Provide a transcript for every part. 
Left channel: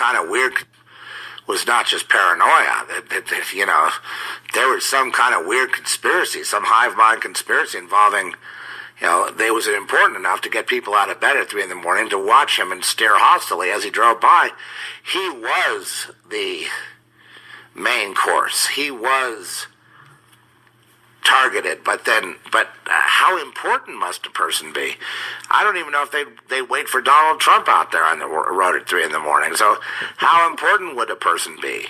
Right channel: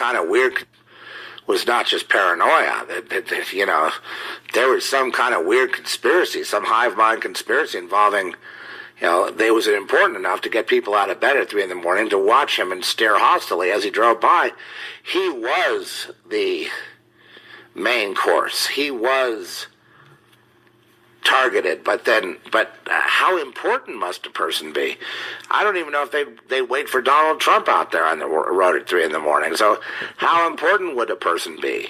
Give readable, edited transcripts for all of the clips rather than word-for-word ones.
kind of weird, was not just paranoia. There was some kind of weird conspiracy, some hive mind conspiracy involving, they was important enough to get people out of bed at 3 in the morning to watch him and stare hostilely as he drove by. He was the main course. He was targeted, but how important must a person be? I don't even know if they wait for Donald Trump out there on the road at 3 in the morning. So how important would a person be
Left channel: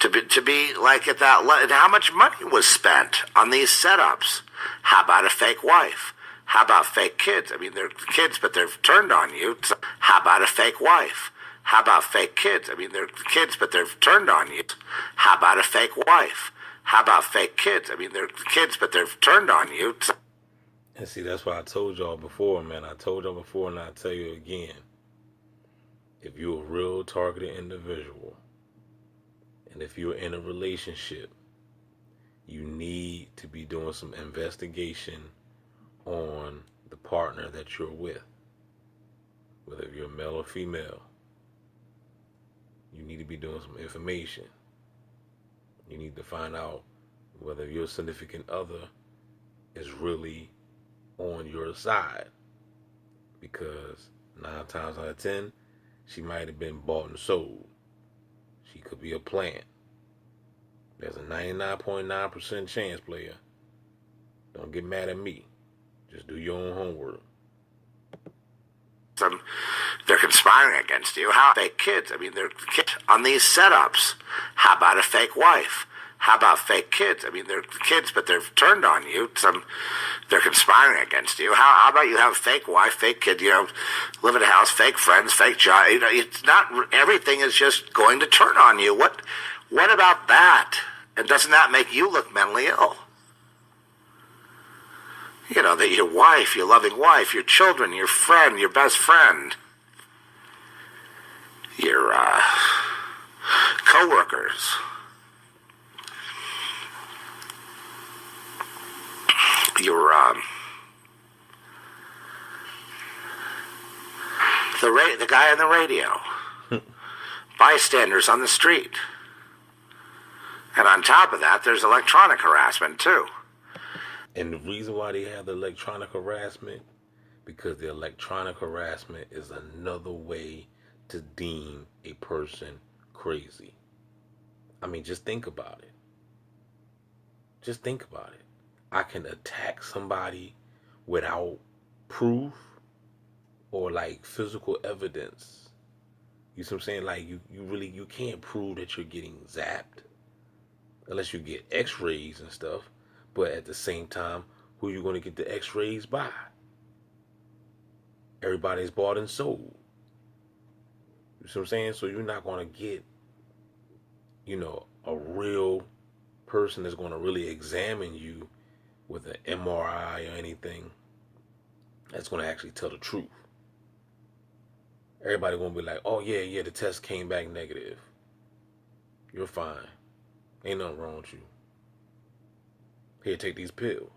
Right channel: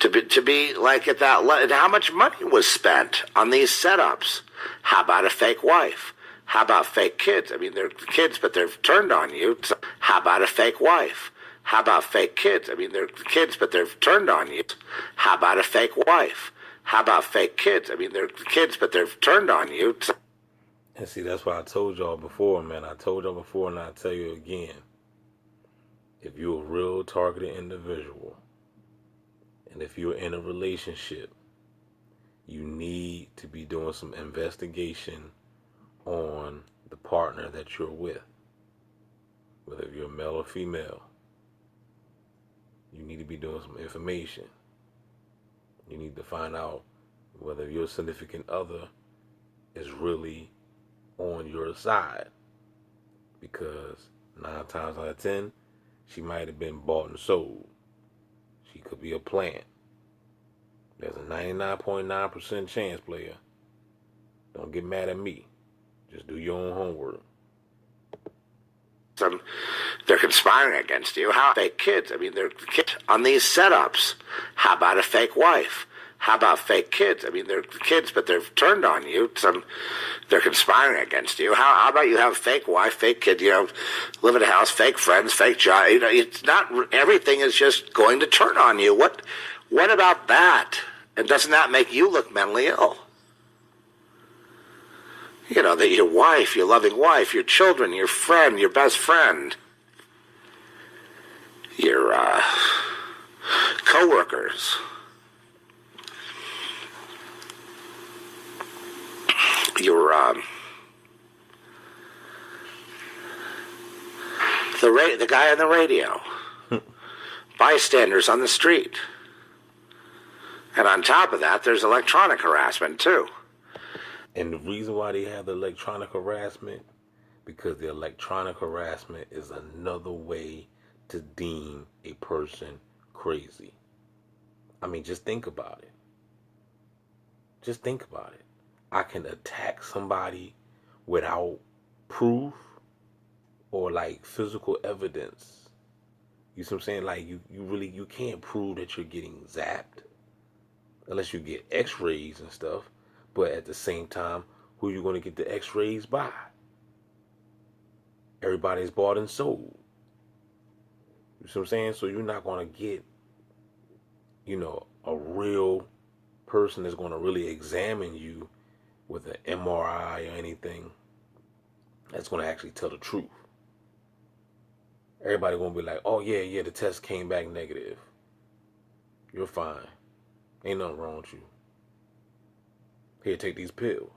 to be like at that level? How much money was spent on these setups? How about a fake wife? How about fake kids? I mean, they're kids, but they're turned on you. So how about a fake wife? How about fake kids? I mean, they're kids, but they're turned on you. How about a fake wife? How about fake kids? I mean, they're kids, but they're turned on you. And see, that's why I told y'all before, man. I told y'all before, and I'll tell you again. If you're a real targeted individual, and if you're in a relationship, you need to be doing some investigation on the partner that you're with. Whether you're male or female, you need to be doing some information. You need to find out whether your significant other is really on your side. Because 9 times out of 10, she might have been bought and sold. She could be a plant. There's a 99.9% chance, player. Don't get mad at me. Just do your own homework. They're conspiring against you. How fake kids? I mean, they're kids on these setups. How about a fake wife? How about fake kids? I mean, they're kids, but they're turned on you. They're conspiring against you. How about you have a fake wife, fake kid? Live in a house, fake friends, fake job. It's not everything is just going to turn on you. What about that? And doesn't that make you look mentally ill? That your wife, your loving wife, your children, your friend, your best friend, your co-workers, the guy on the radio, bystanders on the street. And on top of that, there's electronic harassment, too. And the reason why they have the electronic harassment, because the electronic harassment is another way to deem a person crazy. I mean, just think about it. Just think about it. I can attack somebody without proof or like physical evidence. You see what I'm saying? Like you can't prove that you're getting zapped unless you get x-rays and stuff. But at the same time, who are you going to get the x-rays by? Everybody's bought and sold. You see what I'm saying? So you're not going to get, a real person that's going to really examine you with an MRI or anything that's going to actually tell the truth. Everybody going to be like, oh, yeah, the test came back negative. You're fine. Ain't nothing wrong with you. Here, take these pills.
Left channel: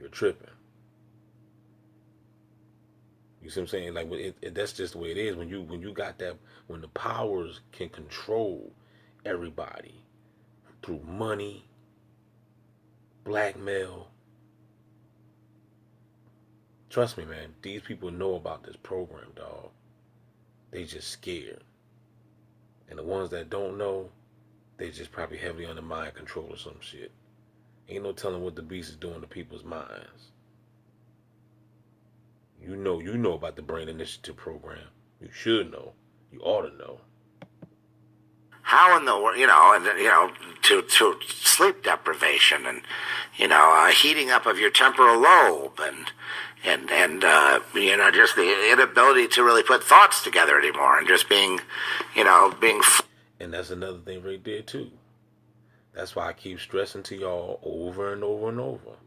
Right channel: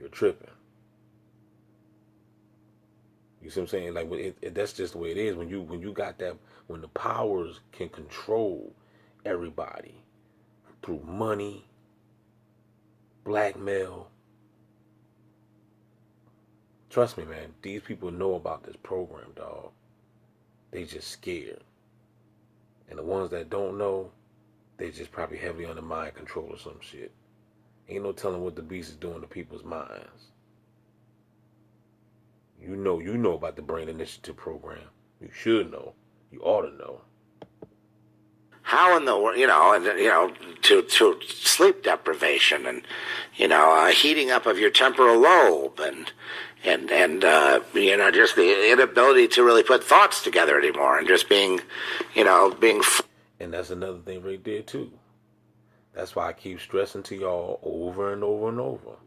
You're tripping. You see what I'm saying? Like, that's just the way it is. When you got that, when the powers can control everybody through money, blackmail. Trust me, man. These people know about this program, dog. They just scared. And the ones that don't know, they just probably heavily under mind control or some shit. Ain't no telling what the beast is doing to people's minds. You know about the Brain Initiative program. You should know. You ought to know. How in the world, to sleep deprivation and, heating up of your temporal lobe and just the inability to really put thoughts together anymore and just being. And that's another thing right there too. That's why I keep stressing to y'all over and over and over.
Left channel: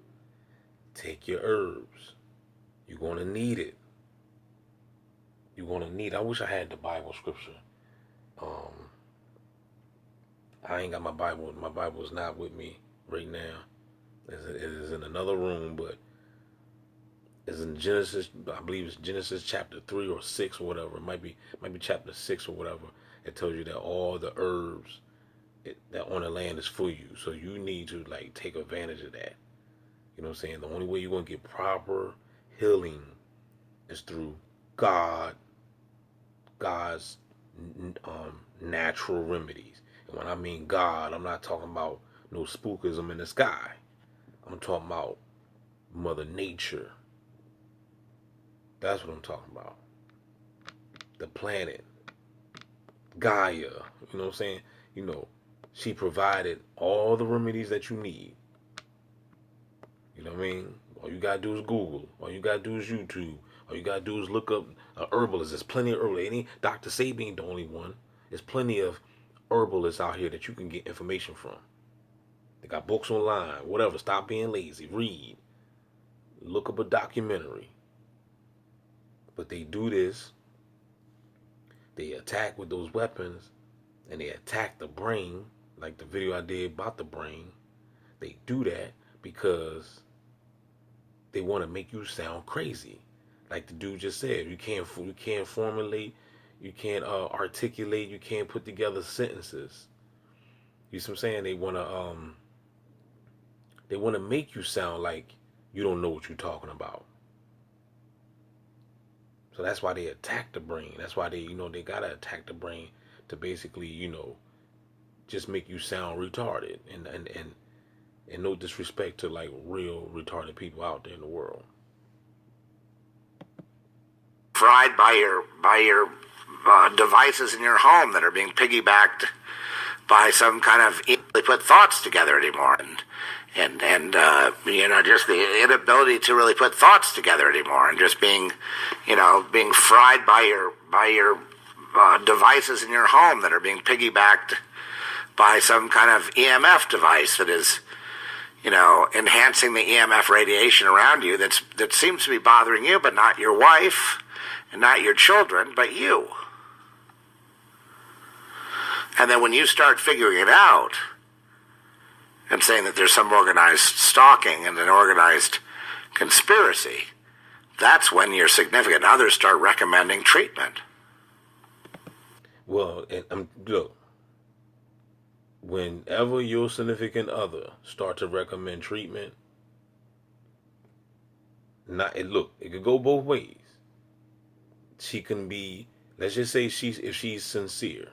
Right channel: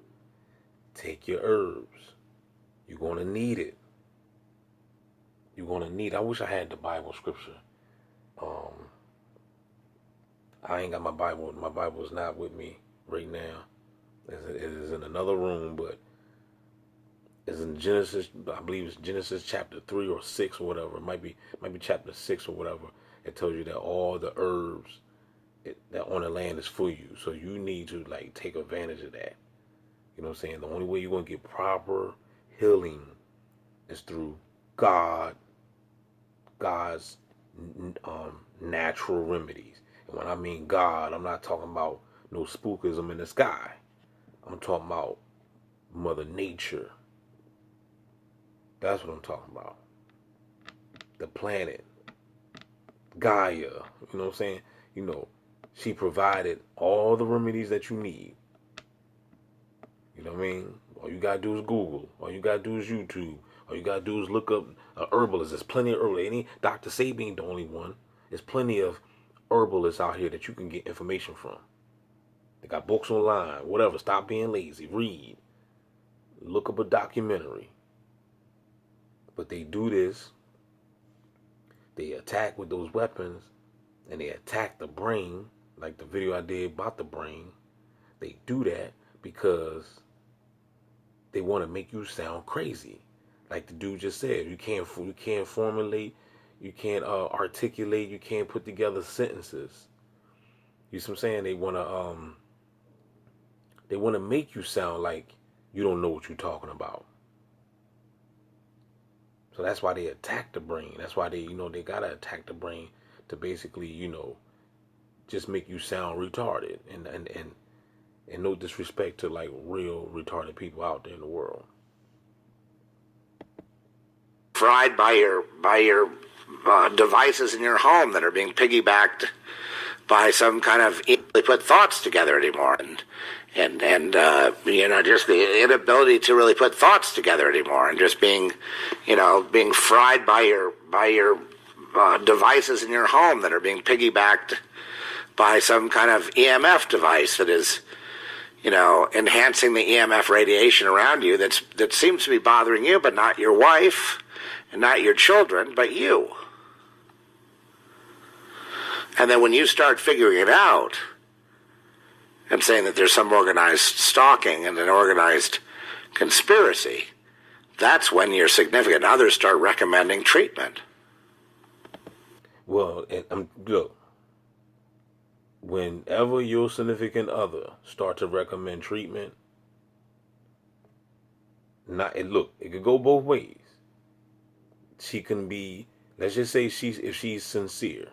Take your herbs. You're going to need it. You're going to need it. I wish I had the Bible scripture. I ain't got my Bible. My Bible is not with me right now. It is in another room, but It's in Genesis, I believe it's Genesis chapter 3 or 6 or whatever. It might be chapter 6 or whatever. It tells you that all the herbs that on the land is for you. So you need to like take advantage of that. You know what I'm saying? The only way you're going to get proper healing is through God's natural remedies. And when I mean God, I'm not talking about no spookism in the sky. I'm talking about Mother Nature. That's what I'm talking about. The planet, Gaia. You know what I'm saying? You know, she provided all the remedies that you need. You know what I mean? All you gotta do is Google. All you gotta do is YouTube. All you gotta do is look up herbalists. There's plenty of herbalists. Any Dr. Sabi ain't the only one. There's plenty of herbalists out here that you can get information from. They got books online. Whatever. Stop being lazy. Read. Look up a documentary. But they do this. They attack with those weapons, and they attack the brain, like the video I did about the brain. They do that because they want to make you sound crazy. Like the dude just said, you can't formulate, you can't articulate, you can't put together sentences. You see what I'm saying? They want to make you sound like you don't know what you're talking about. So that's why they attack the brain. That's why they gotta attack the brain to basically, just make you sound retarded. And no disrespect to like real retarded people out there in the world. Fried by your devices in your home that are being piggybacked by some kind of they put thoughts together anymore, and just the inability to really put thoughts together anymore, and just being fried by your devices in your home that are being piggybacked by some kind of EMF device that is enhancing the EMF radiation around you that seems to be bothering you, but not your wife and not your children, but you. And then when you start figuring it out and saying that there's some organized stalking and an organized conspiracy, that's when your significant others start recommending treatment. Well, look, whenever your significant other start to recommend treatment, it could go both ways. She can be, let's just say if she's sincere,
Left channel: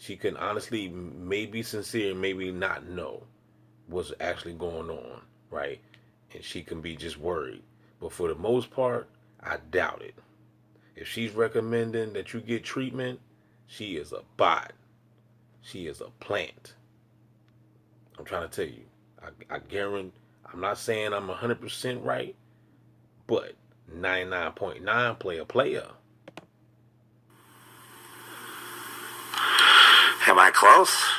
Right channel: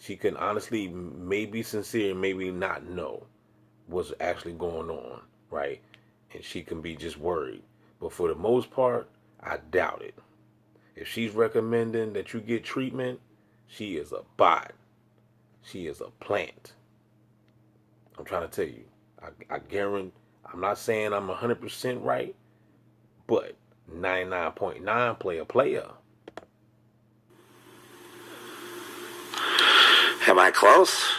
she can honestly maybe sincere, maybe not know what's actually going on, right? And she can be just worried. But for the most part, I doubt it. If she's recommending that you get treatment, she is a bot. She is a plant. I'm trying to tell you. I guarantee, I'm not saying I'm 100% right, but 99.9 player. Am I close?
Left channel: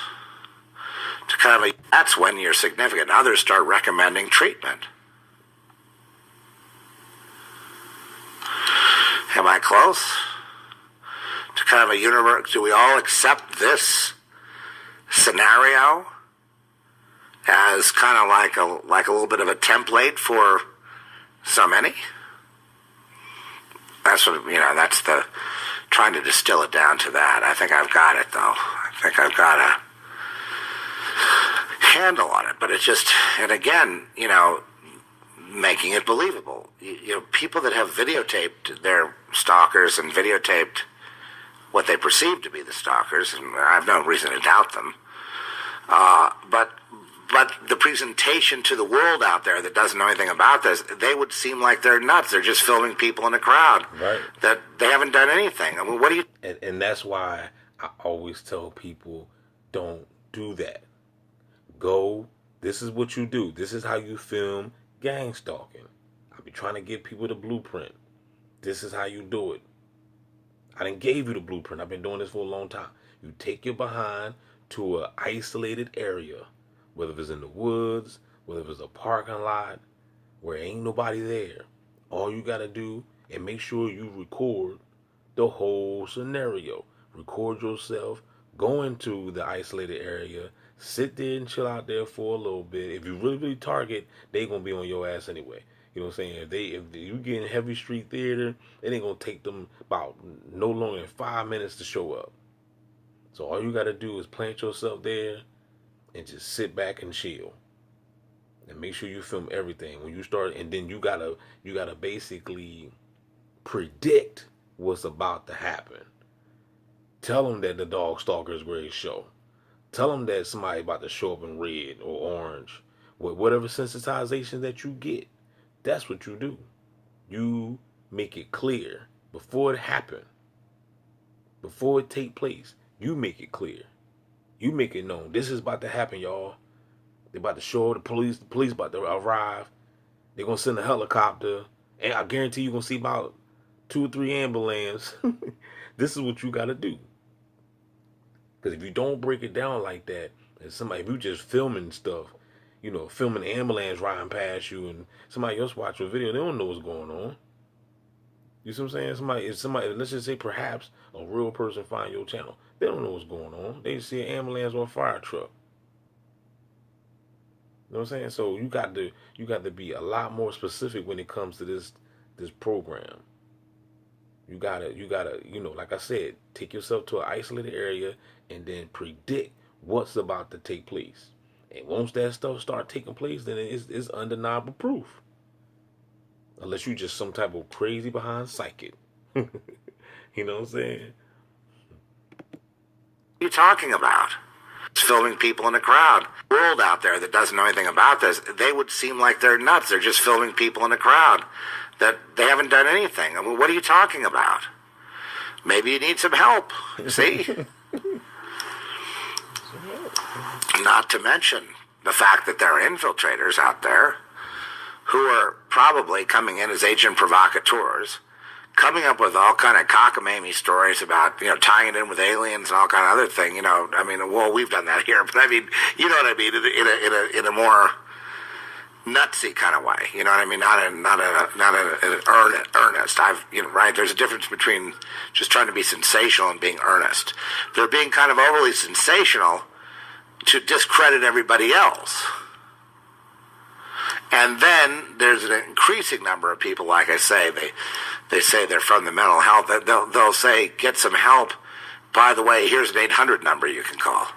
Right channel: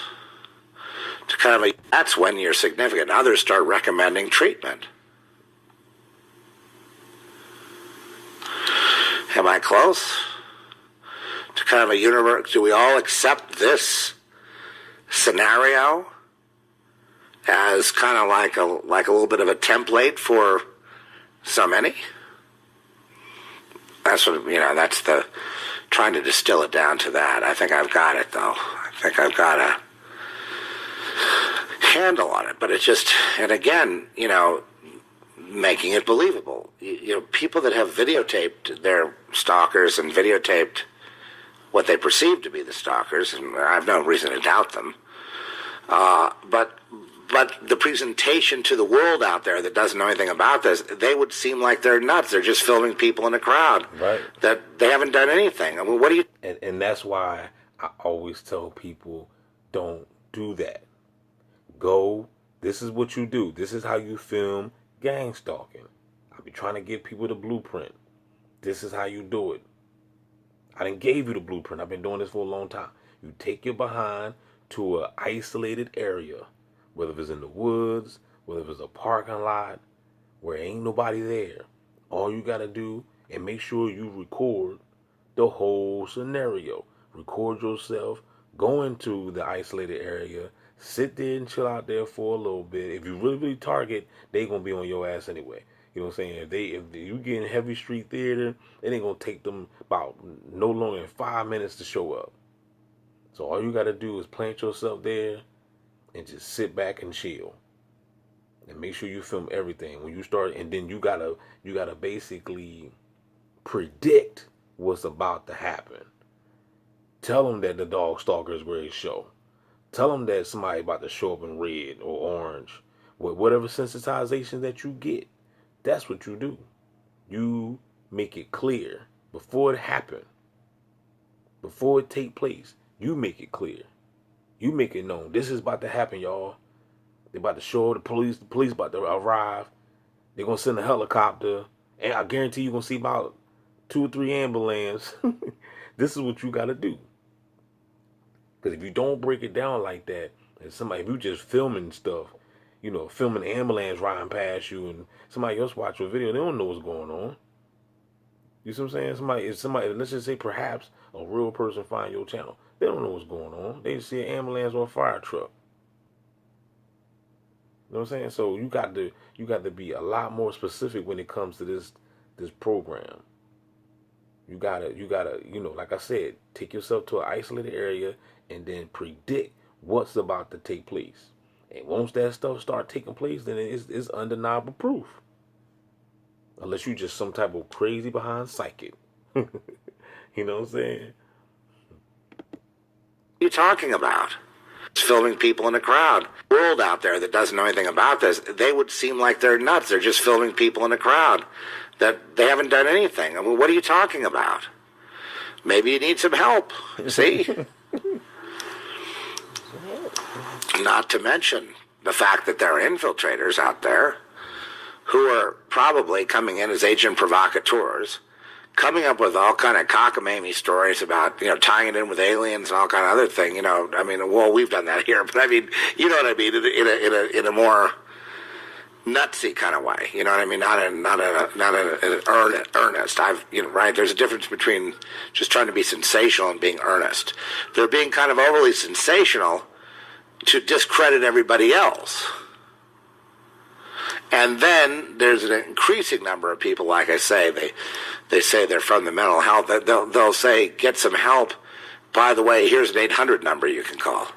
That's when your significant others start recommending treatment. Am I close? To kind of a universe, do we all accept this scenario as kind of like a little bit of a template for so many? That's what, that's the, trying to distill it down to that. I think I've got it, though. I think I've got a handle on it. But it's just, and again, making it believable. People that have videotaped their stalkers and videotaped what they perceive to be the stalkers, and I have no reason to doubt them. But the presentation to the world out there that doesn't know anything about this, they would seem like they're nuts. They're just filming people in a crowd. Right. That they haven't done anything. I mean, what do you... And that's why I always tell people, don't do that. Go, this is what you do. This is how you film gang stalking. I be trying to give people the blueprint. This is how you do it. I done gave you the blueprint. I've been doing this for a long time. You take your behind to an isolated area, whether it's in the woods, whether it's a parking lot, where ain't nobody there. All you gotta do and make sure you record the whole scenario. Record yourself, go into the isolated area, sit there and chill out there for a little bit. If you really target, they gonna be on your ass anyway. You know what I'm saying? If you get in heavy street theater, it ain't gonna take them about no longer than 5 minutes to show up. So all you gotta do is plant yourself there and just sit back and chill. And make sure you film everything when you start, and then you gotta basically predict what's about to happen. Tell them that the dog stalker is ready to show. Tell them that somebody about to show up in red or orange. With whatever sensitization that you get, that's what you do. You make it clear before it happen, before it take place. You make it clear. You make it known. This is about to happen, y'all. They about to show the police. The police about to arrive. They're gonna send a helicopter, and I guarantee you're gonna see about 2 or 3 ambulances. This is what you gotta do. Because if you don't break it down like that, and if you just filming stuff, filming an ambulance riding past you, and somebody else watch your video, they don't know what's going on. You see what I'm saying? If somebody, let's just say perhaps a real person find your channel, they don't know what's going on. They just see an ambulance or a fire truck. You know what I'm saying? So you got to be a lot more specific when it comes to this program. You gotta, like I said, take yourself to an isolated area and then predict what's about to take place. And once that stuff start taking place, then it's undeniable proof. Unless you just some type of crazy behind psychic. You know what I'm saying? What are you talking about? It's filming people in a crowd. The world out there that doesn't know anything about this, they would seem like they're nuts. They're just filming people in a crowd that they haven't done anything. I mean, what are you talking about? Maybe you need some help. See? Not to mention the fact that there are infiltrators out there who are probably coming in as agent provocateurs, coming up with all kind of cockamamie stories about, tying it in with aliens and all kind of other thing. Well, we've done that here, but I mean, you know what I mean, in a more nutsy kind of way. You know what I mean? Not in earnest. Right? There's a difference between just trying to be sensational and being earnest. They're being kind of overly sensational to discredit everybody else. And then there's an increasing number of people, like I say, they say they're from the mental health. They'll say, get some help. By the way, here's an 800 number you can call.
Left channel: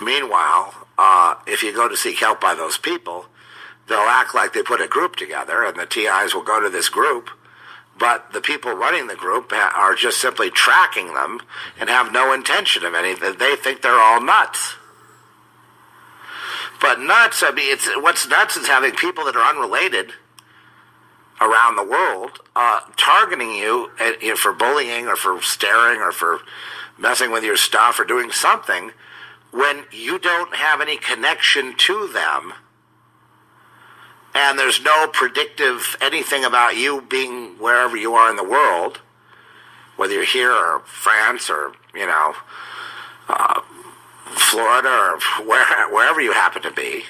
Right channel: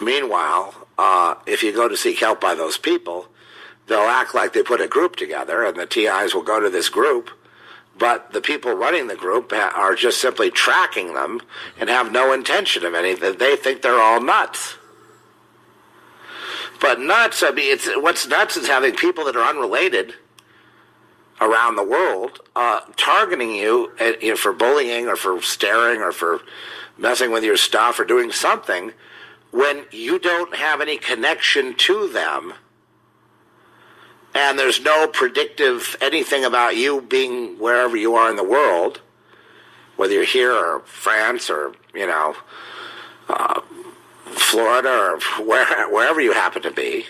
Meanwhile, if you go to seek help by those people, they'll act like they put a group together, and the TIs will go to this group, but the people running the group are just simply tracking them and have no intention of anything. They think they're all nuts. But nuts, what's nuts is having people that are unrelated around the world targeting you for bullying or for staring or for messing with your stuff or doing something when you don't have any connection to them, and there's no predictive anything about you being wherever you are in the world, whether you're here or France or, Florida or wherever you happen to be.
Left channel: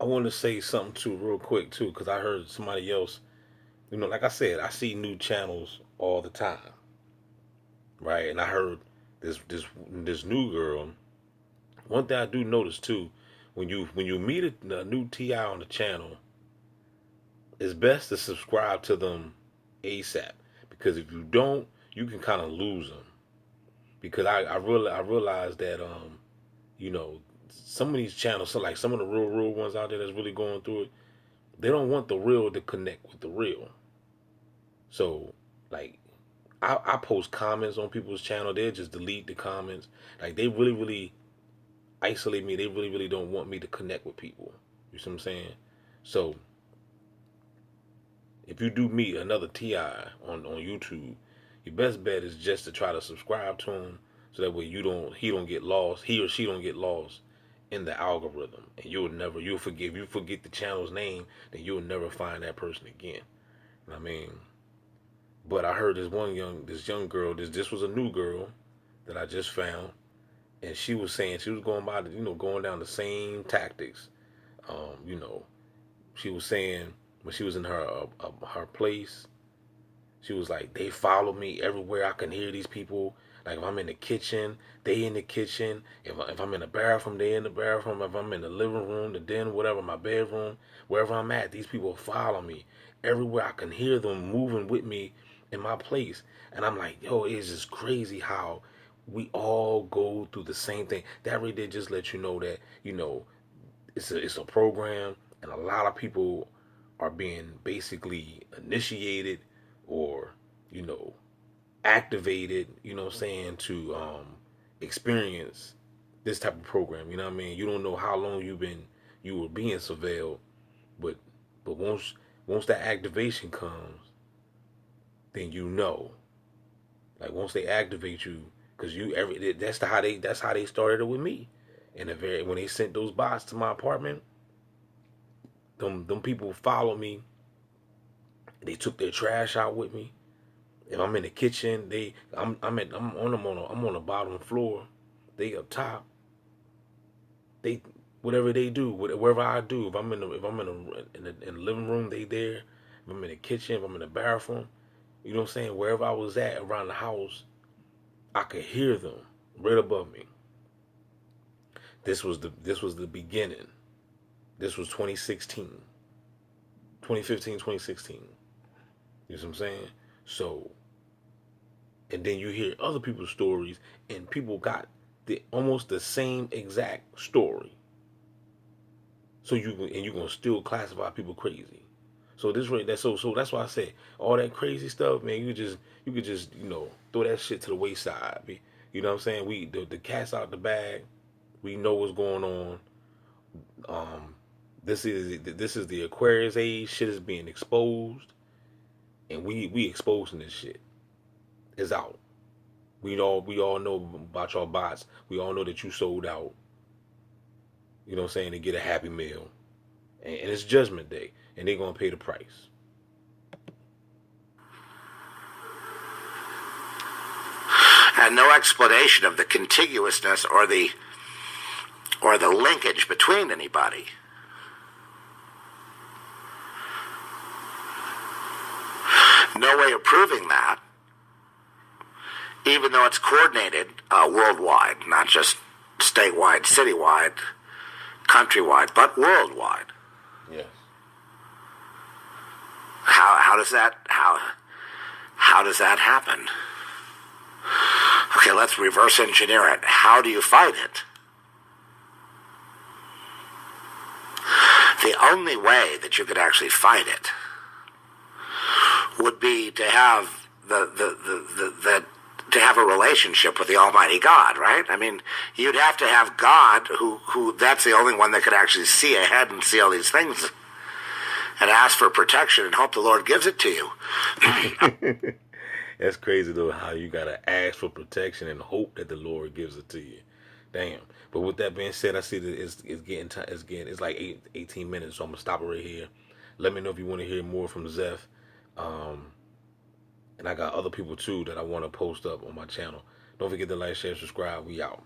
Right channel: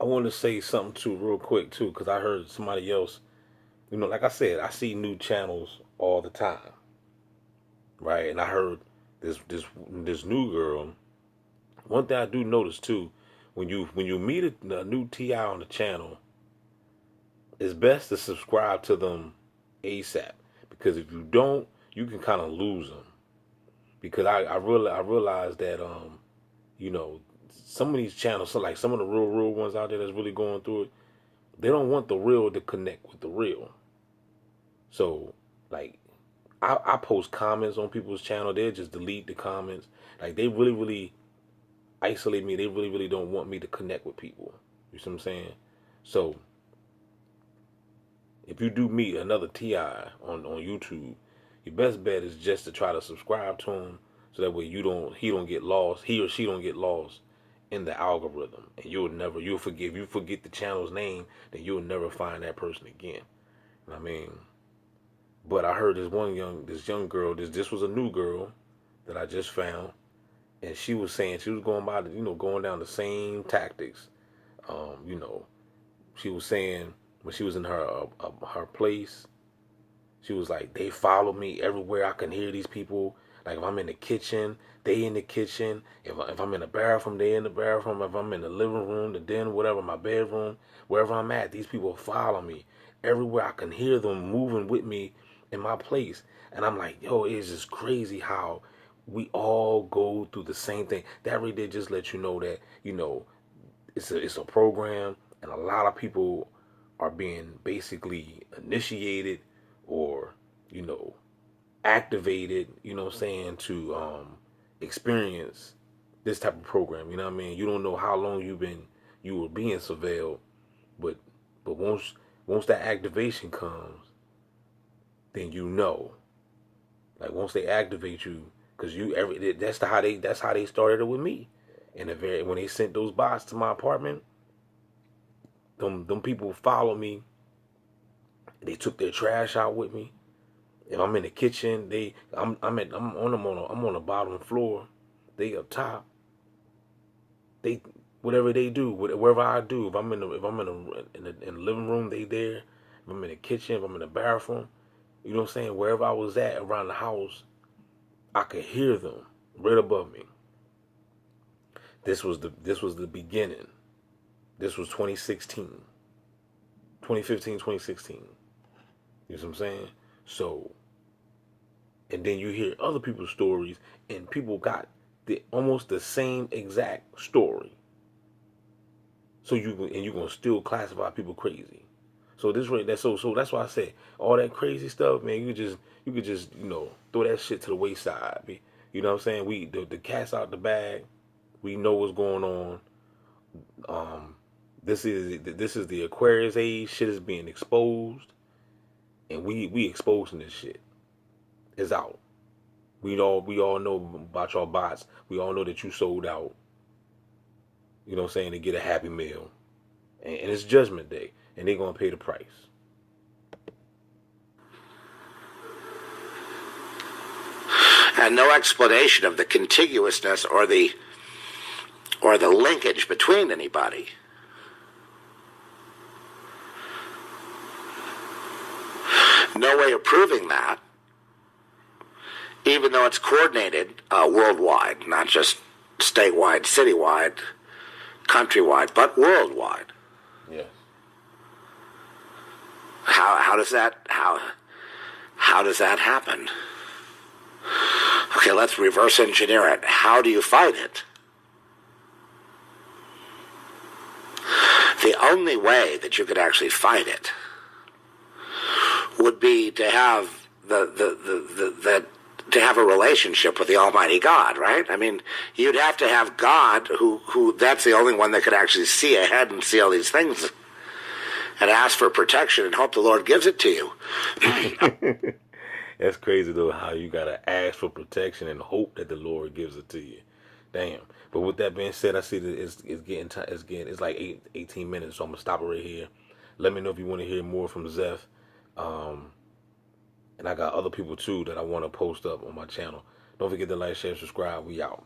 I want to say something too real quick too, because I heard somebody else, like I said, I see new channels all the time, right? And I heard this new girl. One thing I do notice too, when you meet a new TI on the channel, it's best to subscribe to them ASAP, because if you don't, you can kind of lose them. Because I realized that some of these channels, so like some of the real ones out there that's really going through it, they don't want the real to connect with the real. So like I post comments on people's channel, they'll just delete the comments. Like they really isolate me. They really don't want me to connect with people. You see what I'm saying? So if you do meet another TI on YouTube, your best bet is just to try to subscribe to him, so that way he or she don't get lost in the algorithm, and you'll forget the channel's name, then you'll never find that person again. I mean, but I heard this young girl, this was a new girl that I just found, and she was saying she was going by going down the same tactics. She was saying when she was in her place, she was like, they follow me everywhere. I can hear these people. Like if I'm in the kitchen, they in the kitchen. If I'm in the bathroom, they in the bathroom. If I'm in the living room, the den, whatever, my bedroom, wherever I'm at, these people follow me. Everywhere I can hear them moving with me in my place. And I'm like, yo, it's just crazy how we all go through the same thing. That really did just let you know that, it's a program, and a lot of people are being basically initiated or, you know, activated, what I'm saying, to experience this type of program. You know what I mean? You don't know how long you were being surveilled, but once that activation comes, then like once they activate you, because that's how they started it with me. And when they sent those bots to my apartment, them people followed me. They took their trash out with me. If I'm in the kitchen, I'm on the bottom floor. They up top. They whatever they do, wherever I do. If I'm in the living room, they there. If I'm in the kitchen, if I'm in the bathroom, you know what I'm saying. Wherever I was at around the house, I could hear them right above me. This was the beginning. This was 2016, 2015, 2016. You know what I'm saying? So, and then you hear other people's stories, and people got almost the same exact story. So you're gonna still classify people crazy. So that's why I say all that crazy stuff, man. You could just throw that shit to the wayside. You know what I'm saying? The cat's out the bag. We know what's going on. This is the Aquarius age. Shit is being exposed, and we exposing this shit. It's out. We all know about your bots. We all know that you sold out. You know what I'm saying, to get a Happy Meal, and it's Judgment Day, and they're gonna pay the price. And no explanation of the contiguousness or the linkage between anybody. No way of proving that, even though it's coordinated worldwide, not just statewide, citywide, countrywide, but worldwide. Yes. How does that happen? Okay, let's reverse engineer it. How do you fight it? The only way that you could actually fight it would be to have to have a relationship with the Almighty God, right? I mean, you'd have to have God who that's the only one that could actually see ahead and see all these things and ask for protection and hope the Lord gives it to you. That's crazy though, how you gotta ask for protection and hope that the Lord gives it to you. Damn. But with that being said, I see that it's like 18 minutes, so I'm gonna stop it right here. Let me know if you want to hear more from Zeph. And I got other people too that I want to post up on my channel. Don't forget to like, share, subscribe. We out.